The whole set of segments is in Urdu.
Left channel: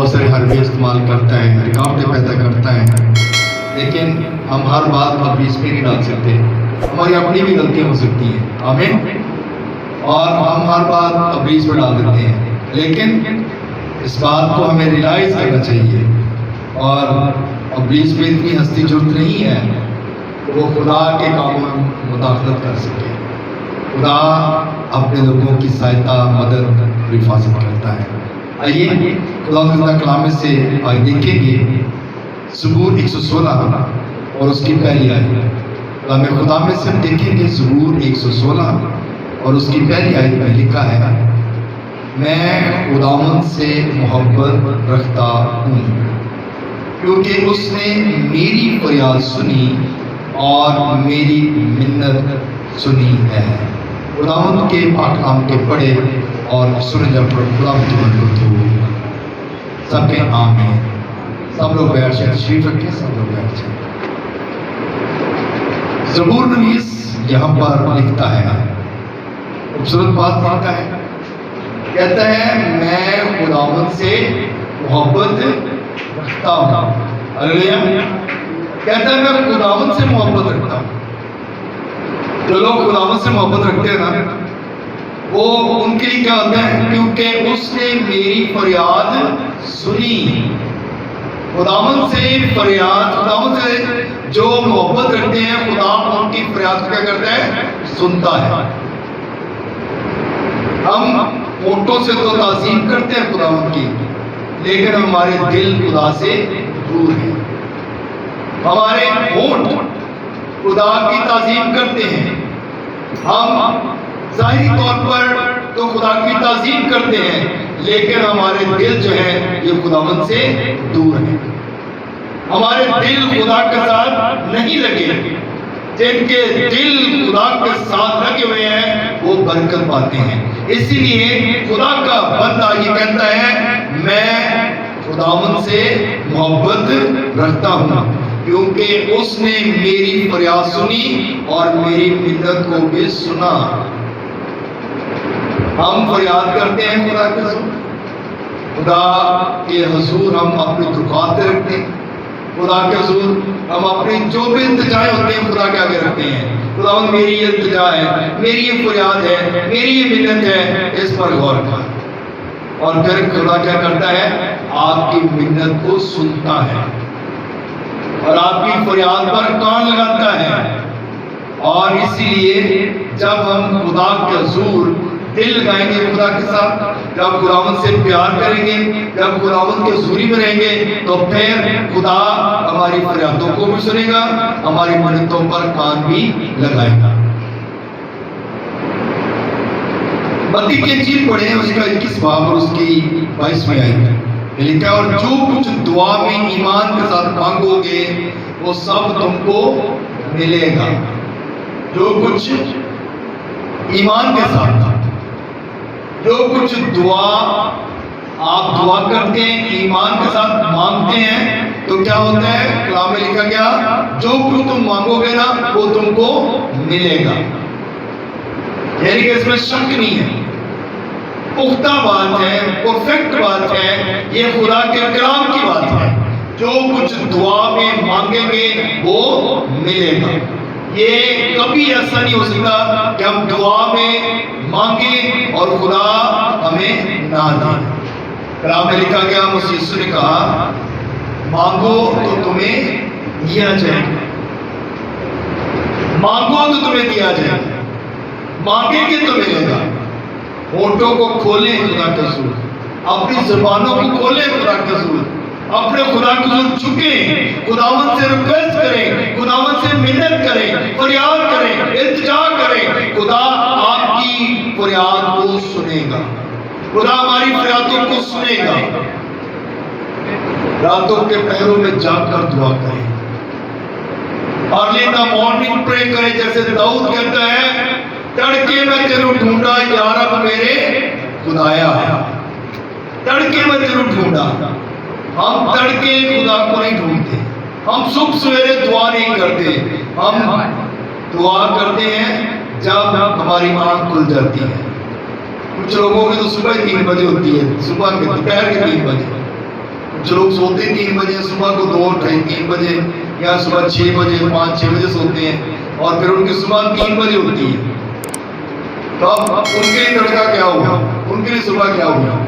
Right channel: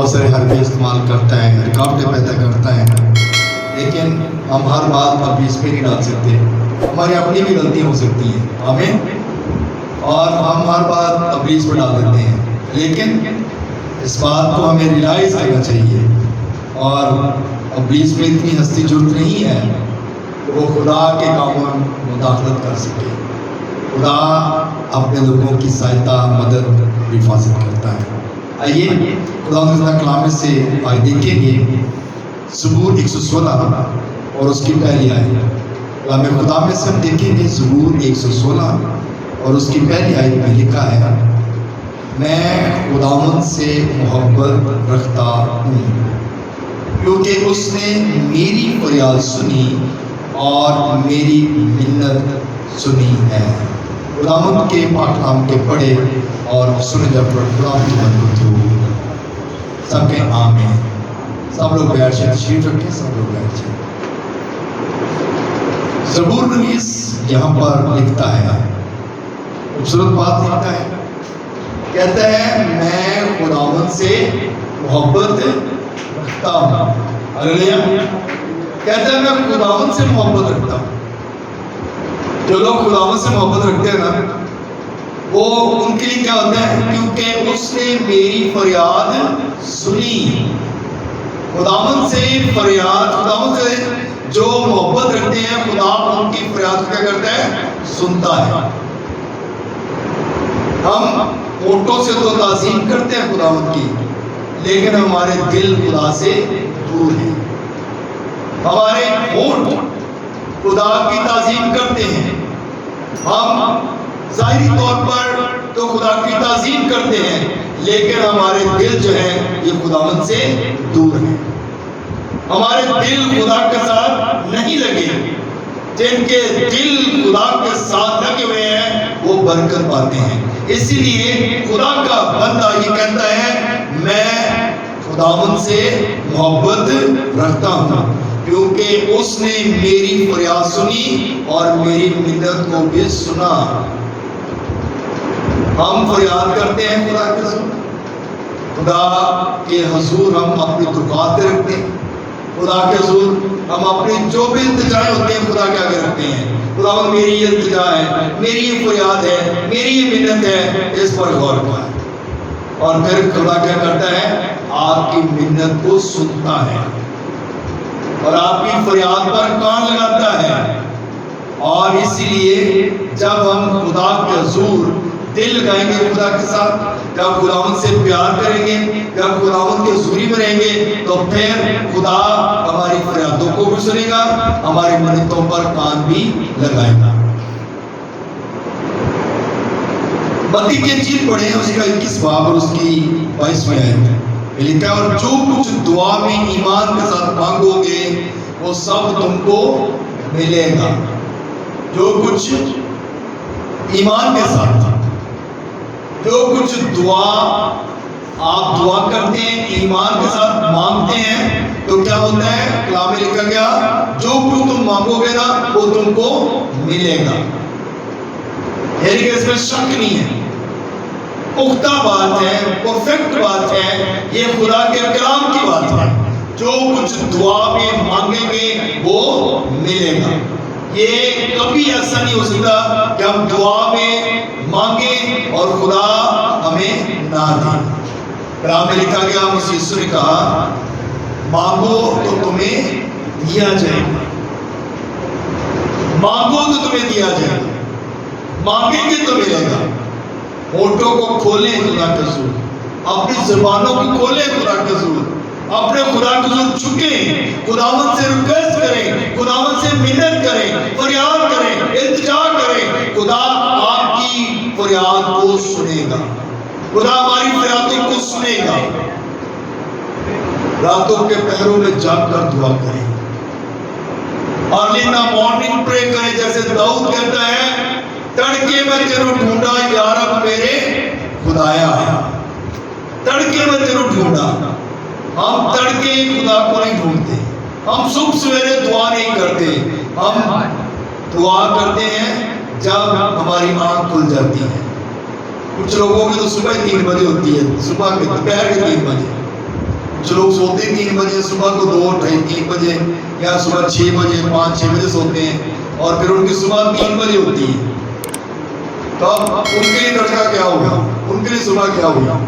بہت سارے حرفے استعمال کرتا ہے، رکاوٹیں پیدا کرتا ہے، لیکن ہم ہر بات کو اپنی اس پہ نہیں ڈال سکتے. ہماری اپنی بھی غلطی ہو سکتی ہے، آمین. اور ہم ہر بات اپنی اس پہ ڈال دیتے ہیں، لیکن اس بات کو ہمیں ریلائز کرنا چاہیے. اور ابلیس میں اتنی ہستی جرت نہیں ہے کہ وہ خدا کے کاموں میں مداخلت کر سکے. خدا اپنے لوگوں کی سہایتا، مدد، حفاظت کرتا ہے. آئیے خدا تعالیٰ کلام سے آج دیکھیں گے زبور 116 اور اس کی پہلی آیت. کلام خدا میں سے ہم دیکھیں گے زبور 116 اور اس کی پہلی آیت میں لکھا ہے، میں خداوند سے محبت رکھتا ہوں کیونکہ اس نے میری فریاد سنی اور میری منت سنی ہے. خداوند کے پاک کلام کے پڑھے اور سن جب خدا کی مدد ہو. سب کے آمین. سب لوگ بیٹھ جائیں، تشریف رکھیں، سب لوگ بیٹھ جائیں. زبور نویس یہاں پر لکھتا ہے، خوبصورت بات لکھتا ہے، کہتا ہے میں خداوند سے محبت رکھتا ہوں. ہلیلویا. کہتا ہے میں خداوند سے محبت رکھتا ہوں. جو لوگ خداوند سے محبت رکھتے ہیں نا، وہ ان کے لیے کیا ہوتا ہے؟ کیونکہ اس نے میری فریاد سنی. خداوند سے فریاد، خداوند سے جو محبت رکھتے ہیں، خدا ان کی فریاد کو کیا کرتا ہے؟ سنتا ہے. ہم ہونٹوں سے تو تعظیم کرتے ہیں خداوند کی، لیکن ہمارے دل خدا سے دور ہیں. ہمارے ہونٹ خدا کی تعظیم کرتے ہیں، ہم ظاہری طور پر تو خدا کی تعظیم کرتے ہیں، لیکن ہمارے دل جو ہے یہ خداوند سے دور ہے. ہمارے دل خدا کے ساتھ نہیں لگے. جن کے دل خدا کے ساتھ لگے ہوئے ہیں وہ برکت پاتے ہیں. اسی لیے خدا کا بندہ یہ کہتا ہے میں خداوند سے محبت رکھتا ہوں کیونکہ اس نے میری فریاد سنی اور میری منت کو بھی سنا. ہم فریاد کرتے ہیں خدا کے حضور، خدا کے حضور ہم اپنی درخواستیں رکھتے ہیں. خدا کے حضور ہم اپنی جو بھی التجائیں ہوتے ہیں خدا کے آگے رکھتے ہیں. خدا میری یہ التجا ہے، میری یہ فریاد ہے، میری یہ منت ہے، اس پر غور کر. اور پھر خدا کیا کرتا ہے؟ آپ کی منت کو سنتا ہے اور آپ کی فریاد پر کان لگاتا ہے. اور اسی لیے جب ہم خدا کے حضور دل لگائیں گے خدا کے ساتھ، جب خداوند سے پیار کریں گے، جب خداوند کے حضوری میں رہیں گے، تو پھر خدا ہماری فریادوں کو بھی سنے گا، ہماری منتوں پر کان بھی لگائے گا. متی کی انجیل پڑھیں، اس کا 21 باب اور اس کی 22ویں آیت لکھا، اور جو کچھ دعا میں ایمان کے ساتھ مانگو گے وہ سب تم کو ملے گا. جو کچھ ایمان کے ساتھ، جو کچھ دعا آپ دعا کرتے ہیں، ایمان کے ساتھ مانگتے ہیں، تو کیا ہوتا ہے؟ کلام میں لکھا گیا جو کچھ تم مانگو گے نا وہ تم کو ملے گا. یعنی کہ اس میں شک نہیں ہے، پختہ بات ہے، پرفیکٹ بات ہے، یہ خدا کے کلام کی بات ہے. جو کچھ دعا میں مانگیں گے وہ ملے گا. یہ کبھی ایسا نہیں ہو سکتا کہ ہم دعا میں مانگیں اور خدا ہمیں نہ دے. کلام میں لکھا گیا، مسیح یسوع نے کہا مانگو تو تمہیں دیا جائے گا، مانگو تو تمہیں دیا جائے گا، مانگیں گے تو ملے گا. ہونٹوں کو کھولیں خدا کے حضور، اپنی زبانوں کو کھولیں خدا کے حضور، اپنے خدا کے حضور جھکیں، خداوند سے ریکویسٹ کریں، خداوند سے منت کریں، فریاد کریں، التجا کریں. خدا آپ کی فریاد کو سنے گا، خدا ہماری فریادوں کو سنے گا. راتوں کے پہروں میں جاگ کر دعا کریں، ارلی ان دی مارننگ پرے کریں، جیسے داؤد کہتا ہے تڑکے میں تیرو ڈھونڈا یا رب میرے خدایا. تڑکے میں تیرو ڈھونڈا. ہم تڑکے خدا کو نہیں ڈھونڈتے، ہم صبح سویرے دعا نہیں کرتے، ہم دعا کرتے ہیں جب ہماری آنکھ کھل جاتی ہے. کچھ لوگوں کی تو صبح 3 بجے ہوتی ہے، صبح کے دوپہر کے 3 بجے. کچھ لوگ سوتے 3 بجے، صبح کو 2 3 بجے یا صبح 6 بجے 5-6 بجے سوتے ہیں اور پھر ان کی صبح 3 بجے ہوتی ہے. تو اب ان کے لیے تڑکا کیا ہوگا، ان کے لیے صبح کیا ہوگا؟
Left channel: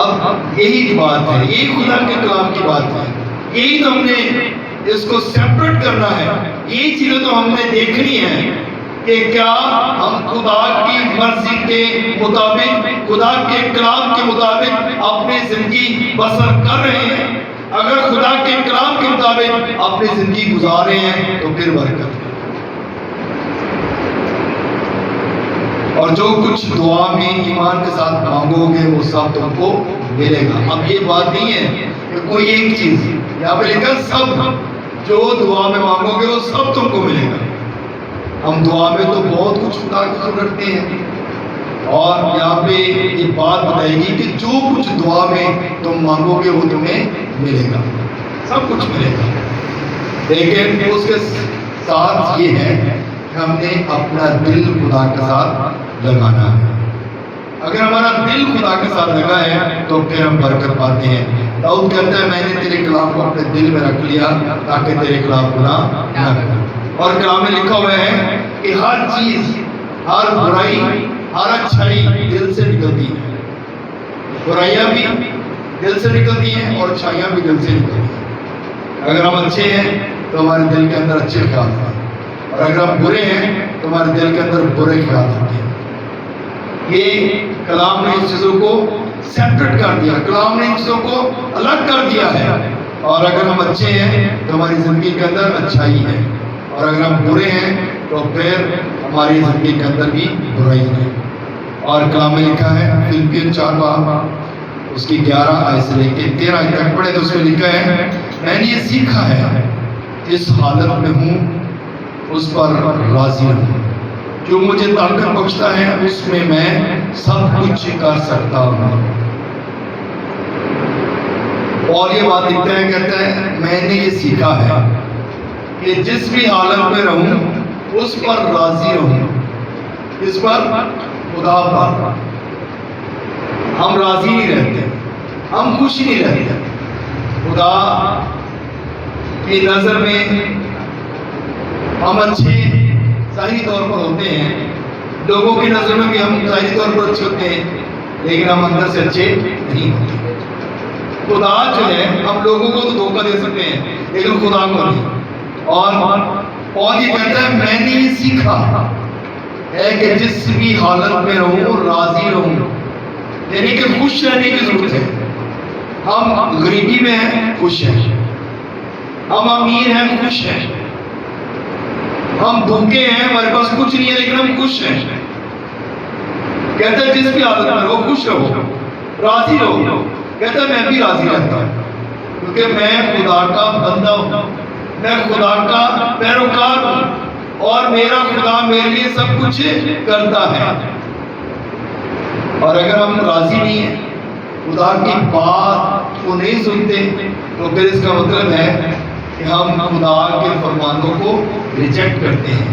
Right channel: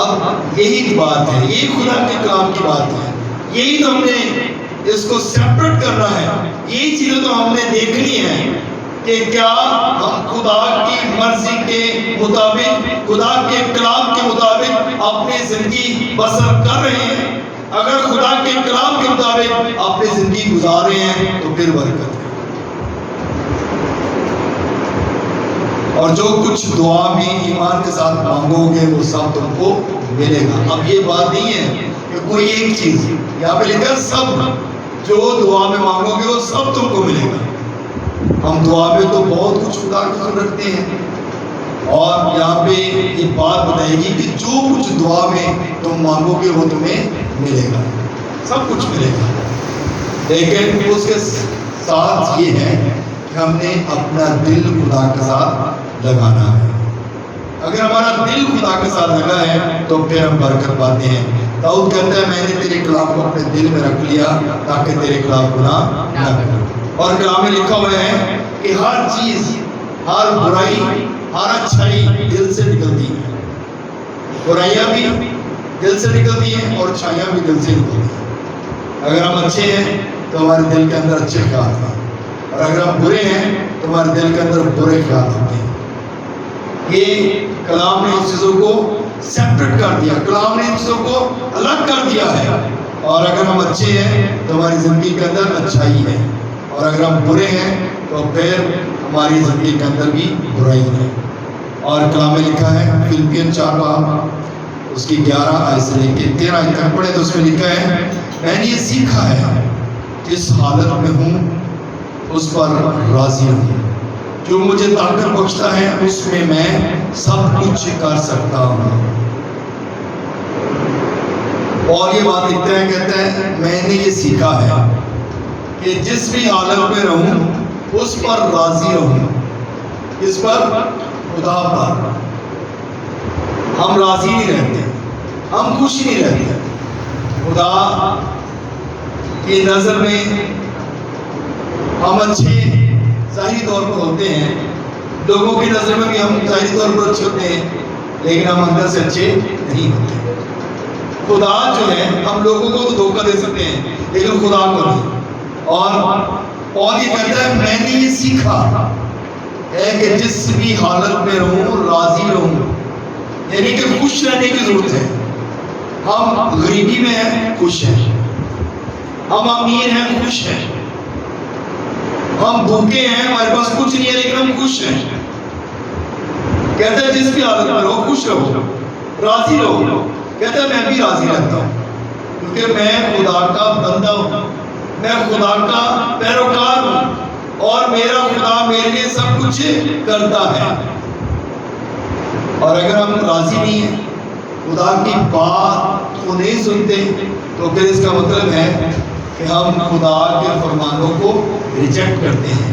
اب یہی بات ہے، یہی خدا کے کلام کی بات ہے، یہی تو ہم نے اس کو سیپریٹ کرنا ہے. یہی چیزیں تو ہم نے دیکھنی ہے کہ کیا ہم خدا کی مرضی کے مطابق، خدا کے کلام کے مطابق اپنی زندگی بسر کر رہے ہیں. اگر خدا کے کلام کے مطابق اپنی زندگی گزار رہے ہیں تو پھر برکت ہے. اور جو کچھ دعا میں ایمان کے ساتھ مانگو گے وہ سب تم کو ملے گا. اب یہ بات نہیں ہے کہ کوئی ایک چیز، یہاں پہ لکھا سب جو دعا میں مانگو گے وہ سب تم کو ملے گا. ہم دعا میں تو بہت کچھ خدا کی ضرورت رکھتے ہیں اور یہاں پہ یہ بات بتائے گی کہ جو کچھ دعا میں تم مانگو گے وہ تمہیں ملے گا، سب کچھ ملے گا. لیکن اس کے ساتھ یہ ہے کہ ہم نے اپنا دل خدا کے ساتھ لگانا ہے. اگر ہمارا دل خدا کے ساتھ لگا ہے تو پھر ہم برکت پاتے ہیں. داؤد کہتا ہے میں نے تیرے کلام کو اپنے دل میں رکھ لیا تاکہ تیرے خلاف گناہ نہ کروں. اور کلام میں لکھا ہوا ہے کہ ہر چیز، ہر برائی، ہر اچھائی دل سے نکلتی ہے. برائیاں بھی دل سے نکلتی ہیں اور اچھائیاں بھی دل سے نکلتی ہیں. اگر ہم اچھے ہیں تو ہمارے دل کے اندر اچھے خیال ہیں اور اگر ہم برے ہیں تو ہمارے دل کے اندر برے خیال ہوتے ہیں. یہ کلام نے اس چیزوں کو سیپریٹ کر دیا، کلام نے ان چیزوں کو الگ کر دیا ہے. اور اگر ہم اچھے ہیں تو ہماری زندگی کے اندر اچھائی ہے اور اگر ہم برے ہیں تو پھر ہماری زندگی کے اندر بھی برائی ہے. اور کلام میں لکھا ہے فلپیوں 4 اس کی 11 آیت سے لے کے 13 آیت تک پڑھے تو اس میں لکھا ہے میں نے یہ سیکھا ہے جس حالت میں ہوں اس پر راضی ہوں، جو مجھے طاقت بخشتا ہے اس میں میں سب کچھ کر سکتا ہوں. اور یہ بات لکھتا ہے، کہتا ہے میں نے یہ سیکھا ہے کہ جس بھی حالت میں رہوں اس پر راضی رہوں. اس پر، خدا پر ہم راضی نہیں رہتے، ہم خوش نہیں رہتے. خدا کی نظر میں ہم اچھے ظاہری طور پر ہوتے ہیں، لوگوں کی نظر میں بھی ہم ظاہری طور پر اچھے ہوتے ہیں لیکن ہم اندر سے اچھے نہیں ہوتے. خدا جو ہے ہم لوگوں کو تو دھوکہ دے سکتے ہیں لیکن خدا کو نہیں. اور یہ کہتا ہے میں نے یہ سیکھا ہے کہ جس بھی حالت میں رہوں راضی رہوں، یعنی کہ خوش رہنے کی ضرورت ہے. ہم غریبی میں ہیں خوش ہیں، ہم امیر ہیں خوش ہیں، ہم بھوکے ہیں ہمارے پاس کچھ نہیں ہے لیکن ہم خوش ہیں. کہتا ہے جس بھی حالت میں رہو خوش رہو، راضی رہو. کہتا ہے میں بھی راضی رہتا ہوں کیونکہ میں خدا کا بندہ ہوں، میں خدا کا پیروکار ہوں اور میرا خدا میرے لیے سب کچھ کرتا ہے. اور اگر ہم راضی نہیں ہیں، خدا کی بات کو نہیں سنتے تو پھر اس کا مطلب ہے کہ ہم خدا کے فرمانوں کو ریجیکٹ کرتے ہیں.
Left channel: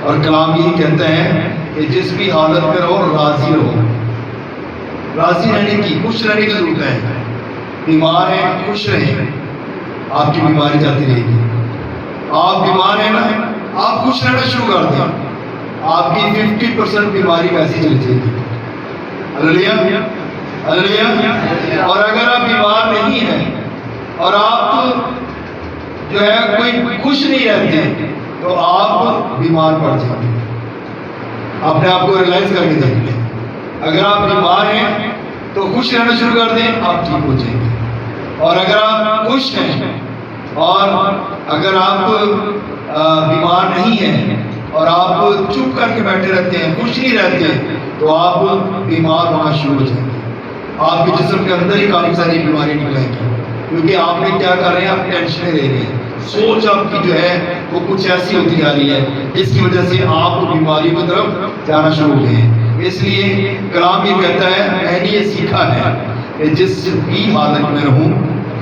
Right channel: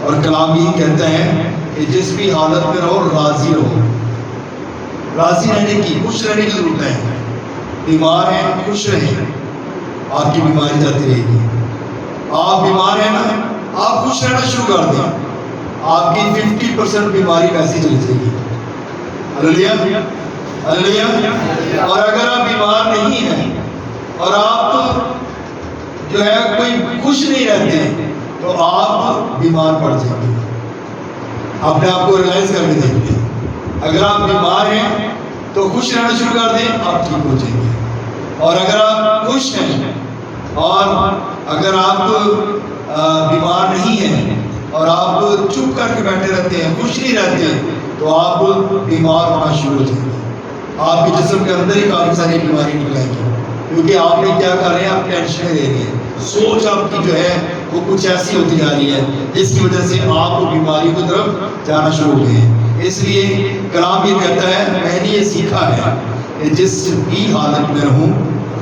اور کلام یہ کہتا ہے کہ جس بھی حالت میں رہو راضی رہو. راضی رہنے کی، خوش رہنے کی ضرورت ہے. بیمار ہیں خوش رہیں، آپ کی بیماری جاتی رہے گی. آپ بیمار ہیں نا، آپ خوش رہنا شروع کر دیں، آپ کی 50% بیماری کیسی چلی جائے گی. ہلیلویا ہلیلویا. اور اگر آپ بیمار نہیں ہیں اور آپ جو ہے کوئی خوش نہیں رہتے تو آپ بیمار پڑ جائیں گے. اپنے آپ کو ریلائز کر کے دیکھتے ہیں. اگر آپ بیمار ہیں تو خوش رہنا شروع کر دیں، آپ ٹھیک ہو جائیں گے. اور اگر آپ خوش ہیں اور اگر آپ بیمار نہیں ہیں اور آپ چپ کر کے بیٹھے رہتے ہیں، خوش نہیں رہتے تو آپ بیمار ہونا شروع ہو جائیں گے. آپ کے جسم کے اندر ہی کافی ساری بیماری نکلیں گی کیونکہ آپ نے کیا کر رہے ہیں، آپ ٹینشن لے رہے ہیں. سوچ آپ کی جو ہے وہ کچھ ایسی ہوتی جا رہی ہے جس کی وجہ سے آپ بیماری کی طرف جانا شروع ہو گئے ہیں. اس لیے کلام یہ کہتا ہے میں نے یہ سیکھا ہے کہ جس بھی حالت میں رہوں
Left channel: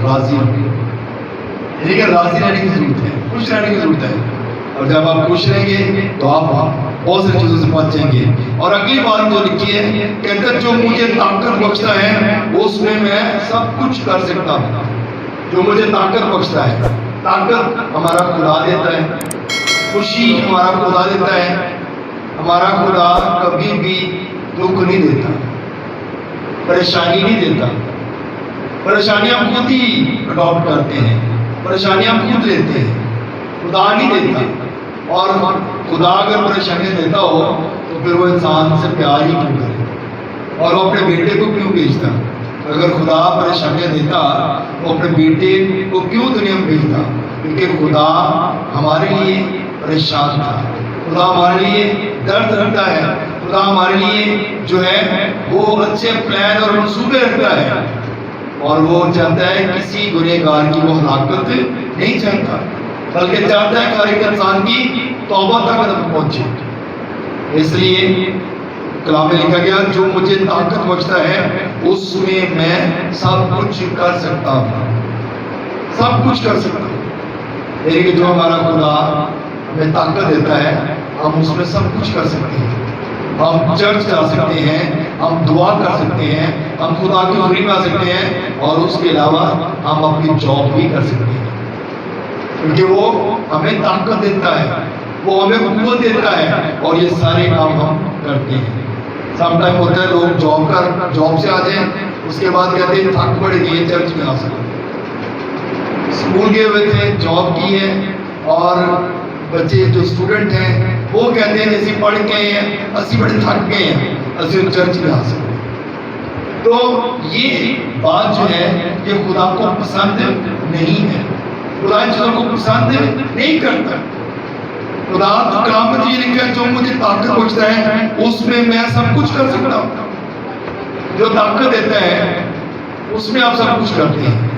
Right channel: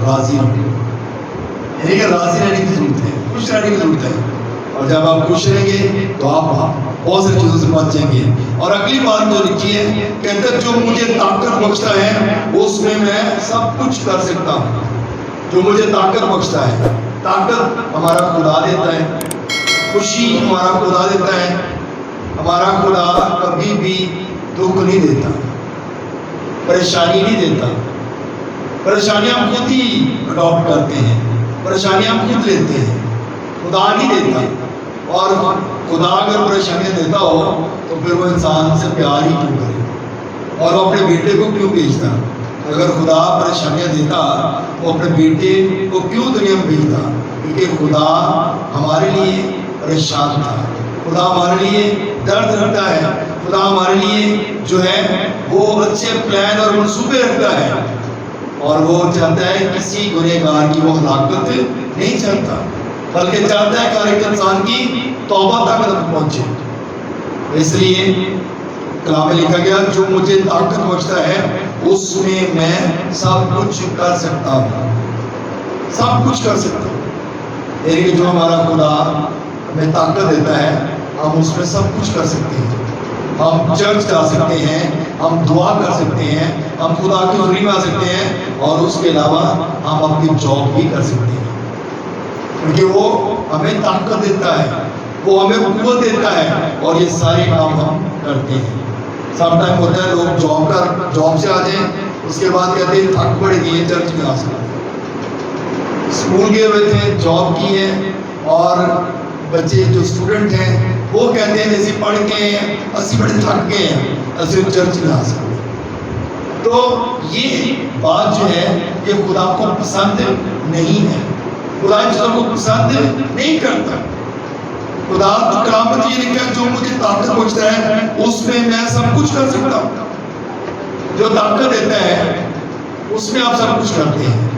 راضی رہوں. یعنی کہ راضی رہنے کی ضرورت ہے، خوش رہنے کی ضرورت ہے. اور جب آپ خوش رہیں گے تو آپ بہت سی چیزوں سے بچ جائیں گے. اور اگلی بات جو لکھی ہے کہتا ہے جو مجھے طاقت بخشتا ہے اس میں میں سب کچھ کر سکتا ہوں. جو مجھے طاقت بخشتا ہے. طاقت ہمارا خدا دیتا ہے, خوشی ہمارا خدا دیتا ہے. ہمارا خدا کبھی بھی دکھ نہیں دیتا, پریشانی نہیں دیتا. پریشانیاں ہم خود ہی اڈاپٹ کرتے ہیں, پریشانیاں ہم خود لیتے ہیں, خدا نہیں دیتا. اور خدا اگر پریشانیاں دیتا ہو تو پھر وہ انسان سے پیار ہی کیوں کرے, اور وہ اپنے بیٹے کو کیوں بھیجتا. اگر خدا پریشانیاں دیتا تو اپنے بیٹے کو کیوں دنیا میں بھیجتا, کیونکہ خدا ہمارے لیے پریشان تھا, خدا ہمارے لیے درد رکھتا ہے, خدا ہمارے لیے جو ہے وہ اچھے پلان اور منصوبے رکھتا ہے, اور وہ چاہتا ہے کسی گنہگار کی وہ ہلاکت نہیں چاہتا, بلکہ چاہتا ہے ہر ایک انسان کی توبہ تک پہنچے. اس لیے کلام میں لکھا گیا جو مجھے طاقت بخشتا ہے اس میں سب کچھ کر سکتا ہوں, سب کچھ کر سکتا ہوں. یعنی جو ہمارا خدا ہمیں طاقت دیتا ہے ہم اس میں سب کچھ کر سکتے ہیں. ہم چرچ جا سکتے ہیں, ہم دعا کر سکتے ہیں, ہم خدا کی حضوری میں آ سکتے ہیں, اور اس کے علاوہ ہم اپنی جاب بھی کر سکتے ہیں, کیونکہ وہ ہمیں طاقت دیتا ہے, وہ ہمیں قوت دیتا ہے, اور یہ سارے کام ہم کرتے ہیں. سم ٹائم ہوتا ہے لوگ جاب سے آ جائیں, اس کے بعد کہتے ہیں تھک پڑے گی, چرچ میں آ سکتے ہیں. اسکول گئے ہوئے تھے, جاب کی ہے, اور بچے جو اسٹوڈنٹ ہیں وہ کہتے ہیں ایسی پڑھ کے ہیں, اسی بڑے تھک گئے ہیں, اسی چرچ میں آ سکتے ہیں. تو یہ بات جو ہے یہ خدا کو پسند نہیں ہے, خدا ان چیزوں کو پسند نہیں کرتا. خدا کلام میں یہ لکھا ہے جو مجھے طاقت بخشتا ہے اس میں سب کچھ کر سکتا ہوں. جو طاقت دیتا ہے اس میں آپ سب کچھ کرتے ہیں,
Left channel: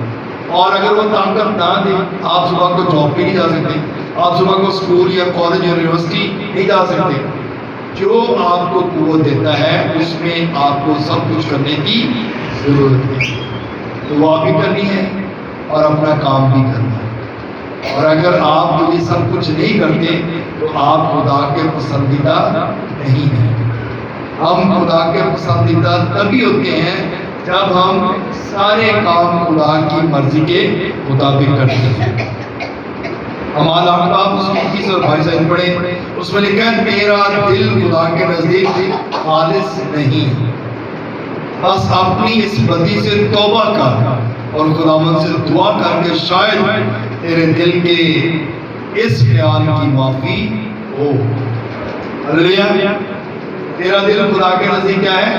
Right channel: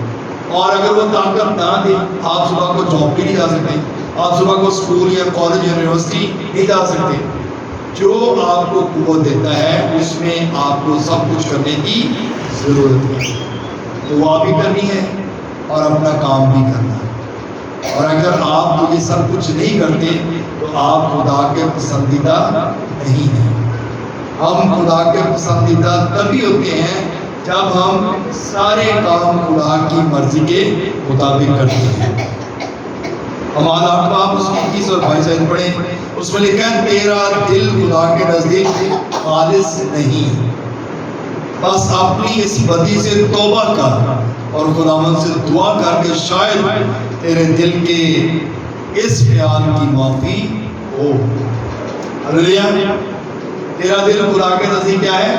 اور اگر وہ طاقت نہ دے آپ صبح کو جاب بھی نہیں جا سکتے, آپ صبح کو اسکول یا کالج یا یونیورسٹی نہیں جا سکتے. جو آپ کو قوت دیتا ہے اس میں آپ کو سب کچھ کرنے کی ضرورت ہے. دعا بھی کرنی ہے اور اپنا کام بھی کرنا ہے, اور اگر آپ یہ سب کچھ نہیں کرتے تو آپ خدا کے پسندیدہ نہیں ہیں. ہم خدا کے پسندیدہ تبھی ہوتے ہیں جب ہم سارے کام خدا کی مرضی کے مطابق کرتے ہیں. ہمارا آپ اس کی 21 اور 22 آیت پڑھیں, اس میں لکھا ہے تیرا دل خدا کے نزدیک خالص نہیں, بس اپنی اس بدی سے توبہ کر اور خداوند سے دعا کر کے شاید تیرے دل کے اس خیال کی معافی ہو. ہلیلویا. تیرا دل خدا کے نزدیک کیا ہے؟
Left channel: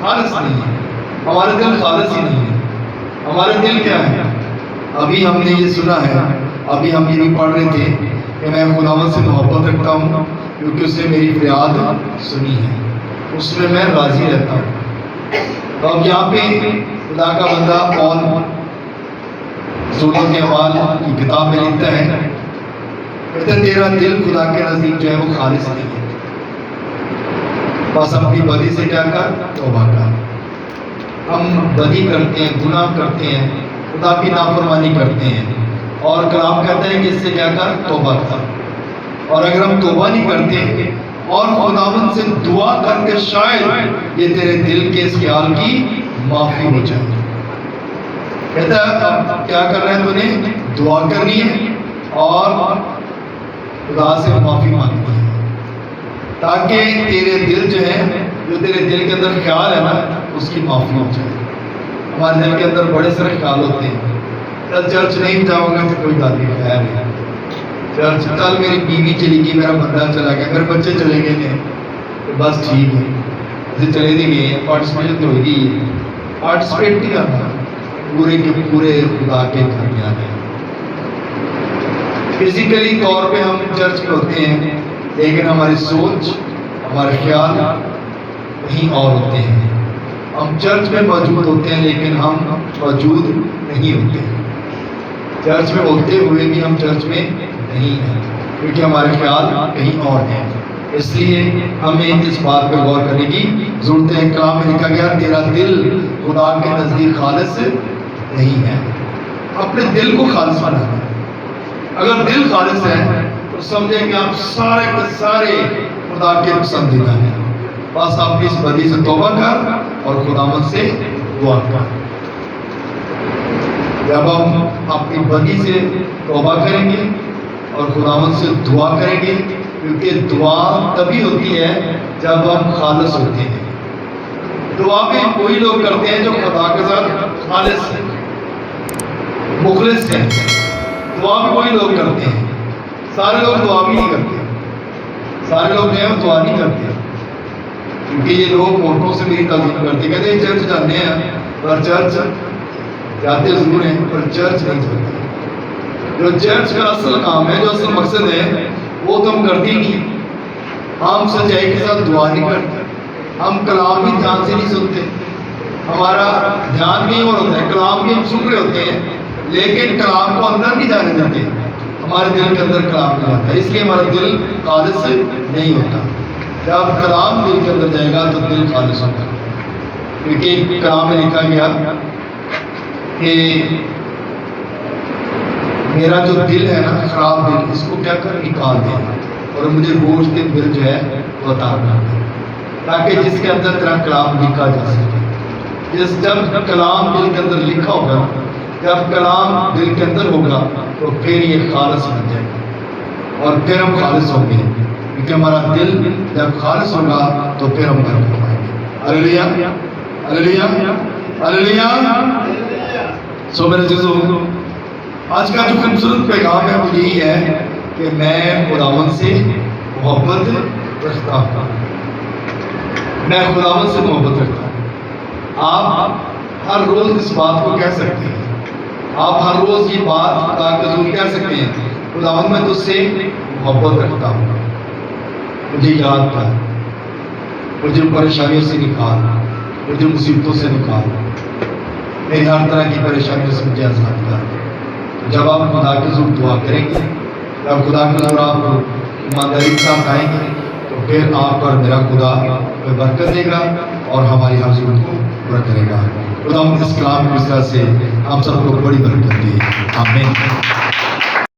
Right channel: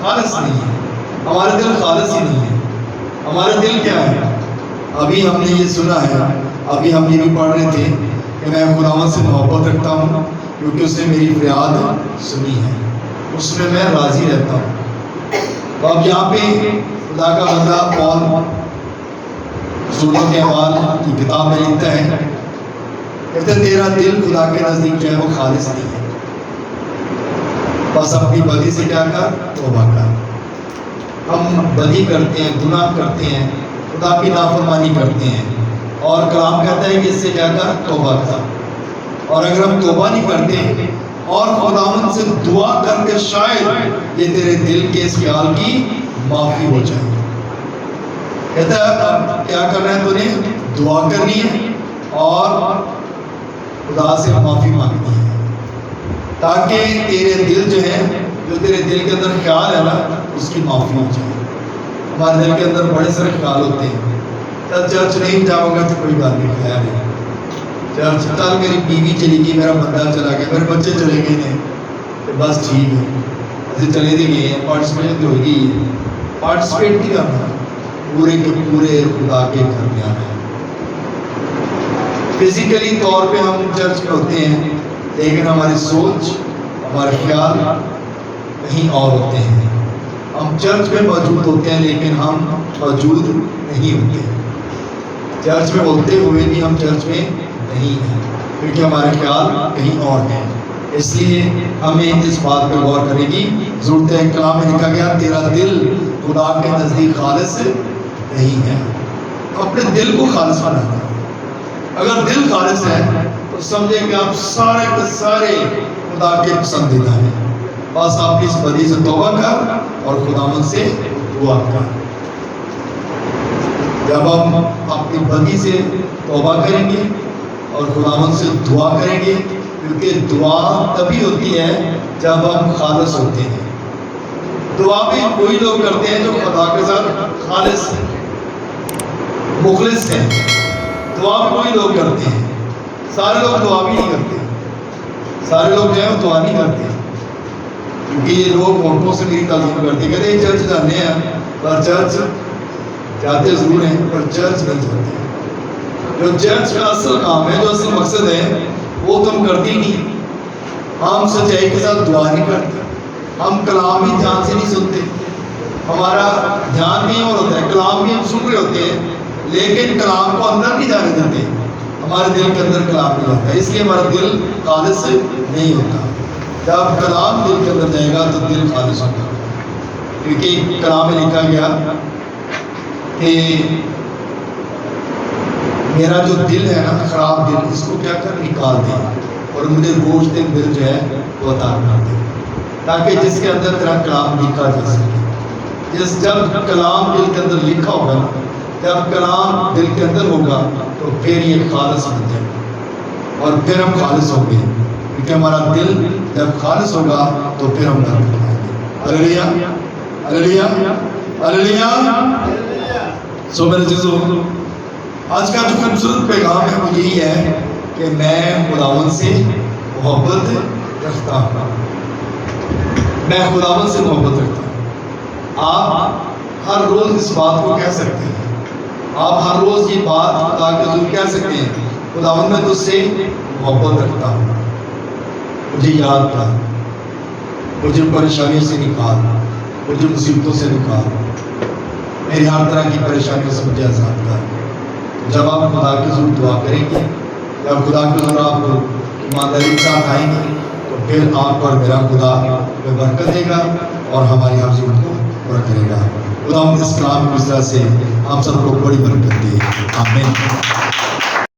خالص نہیں ہے. ہمارا دل خالص ہی نہیں ہے. ہمارا دل کیا ہے؟ ابھی ہم نے یہ سنا ہے, ابھی ہم یہ بھی پڑھ رہے تھے کہ میں خداوند سے محبت رکھتا ہوں کیونکہ اس نے میری فریاد سنی ہے, اس میں میں راضی رہتا ہوں. اب یہاں پہ خدا کا بندہ پال رسولوں کے اعمال کی کتاب میں لکھتا ہے, کہتے ہیں تیرا دل خدا کے نزدیک جو ہے وہ خالص نہیں ہے, بس اپنی بدی سے کیا کر, توبہ کر. ہم بدی کرتے ہیں, گناہ کرتے ہیں, خدا کی نافرمانی کرتے ہیں, اور کلام کہتا ہے کہ اس سے کیا کر, توبہ کر. اور اگر ہم توبہ نہیں کرتے اور خداوند سے دعا کر کے شاید یہ تیرے دل کے اس خیال کی معافی ہو جائے. کہتا ہے اب کیا کرنا ہے, تو نے دعا کرنی ہے اور خدا سے معافی مانگنی ہے, تاکہ تیرے دل جو ہے, جو تیرے دل کے اندر خیال ہے نا, اس کی معافی ہو جائے. ہمارے دل کے اندر بڑے سارے خیال ہوتے ہیں, کل چرچ نہیں جاؤں گا تو کوئی بات نہیں, خیال ہے چرچ, کل میری بیوی چلی گئی, میرا بندہ چلا گیا, میرے بچے چلے گئے تھے, تو بس ٹھیک ہے, ایسے چلے نہیں گئے, پارٹیسپیٹ تو ہو گئی ہے. پارٹیسپیٹ نہیں کرنا, پورے کے پورے خدا کے گھر میں آنا ہے. فزیکلی طور پہ ہم چرچ میں ہوتے ہیں, لیکن ہماری سوچ, ہمارے خیال کہیں اور ہوتے ہیں. ہم چرچ میں موجود ہوتے ہیں لیکن ہم موجود نہیں ہوتے. چرچ میں ہوتے ہوئے بھی ہم چرچ میں نہیں ہیں, کیونکہ ہمارے خیال کہیں اور ہیں. اس لیے ہمیں اس بات پہ غور کرنے کی ضرورت ہے. کلام میں لکھا گیا تیرا دل خدا کے نزدیک خالص نہیں ہے. اپنے دل کو خالص بنانا ہے. اگر دل خالص ہے تو سمجھے کہ آپ سارے کے سارے خدا کے پسندیدہ ہیں. بس آپ اس بدی سے توبہ کر اور خداوند سے دعا کر. جب ہم اپنی بدی سے توبہ کریں گے اور خداوند سے دعا کریں گے، کیونکہ دعا تبھی ہوتی ہے جب ہم خالص ہوتے ہیں. دعا بھی وہی لوگ کرتے ہیں جو خدا کے ساتھ خالص ہیں، مخلص ہیں. دعا بھی وہی لوگ کرتے ہیں. سارے لوگ دعا بھی نہیں کرتے. سارے لوگ جو ہیں دعا نہیں کرتے، کیونکہ یہ لوگ ہونٹوں سے نہیں تعظیم کرتے. کہتے ہیں چرچ جانے ہیں، پر چرچ جاتے ضرور ہیں پر چرچ نہیں جاتے. جو چرچ کا اصل کام ہے، جو اصل مقصد ہے، وہ تو ہم کرتے ہی نہیں. ہم سچائی کے ساتھ دعا نہیں کرتے. ہم کلام بھی دھیان سے نہیں سنتے. ہمارا دھیان نہیں اور ہوتا ہے، کلام بھی ہم سن رہے ہوتے ہیں لیکن کلام کو اندر نہیں جانے دیتے. ہمارے دل کے اندر کلام نہیں جاتا ہے، اس لیے ہمارا دل خالص نہیں ہوتا. جب کلام دل کے اندر جائے گا تو دل خالص ہوگا. کیونکہ کلام میں لکھا گیا کہ میرا جو دل ہے نا، خراب دل، اس کو کیا کر نکال دیں اور مجھے بوجھ دل جو ہے وہ عطا کر دے، تاکہ جس کے اندر تیرا کلام لکھا جا سکے. جب کلام دل کے اندر لکھا ہوگا، جب کلام دل کے اندر ہوگا تو پھر یہ خالص بن جائے گا اور پھر ہم خالص ہوں گے. کیونکہ ہمارا دل جب خالص ہوگا تو پھر ہم برکت پائیں گے. ہلیلویا ہلیلویا ہلیلویا. سو میرے عزیزو، آج کا جو خوبصورت پیغام ہے وہ یہی ہے کہ میں خداوند سے محبت رکھتا ہوں. میں خداوند سے محبت رکھتا ہوں. آپ ہر روز اس بات کو کہہ سکتے ہیں. آپ ہر روز یہ بات خدا کے حضور کہہ سکتے ہیں، خداوند میں تجھ سے محبت رکھتا ہوں. مجھے یاد کر، مجھے پریشانیوں سے نکال، مجھے مصیبتوں سے نکال، میری ہر طرح کی پریشانیوں سے مجھے آزاد کر. جب آپ خدا کے حضور دعا کریں گے، جب خدا کے حضور آپ کو ایمانداری کے ساتھ آئیں گے، تو پھر آپ پر میرا خدا میں برکت دے گا اور ہماری حضور کو برکت دے گا. خدا ہم اس کلام کی وجہ سے آپ سب کو بڑی برکت دے. آمین.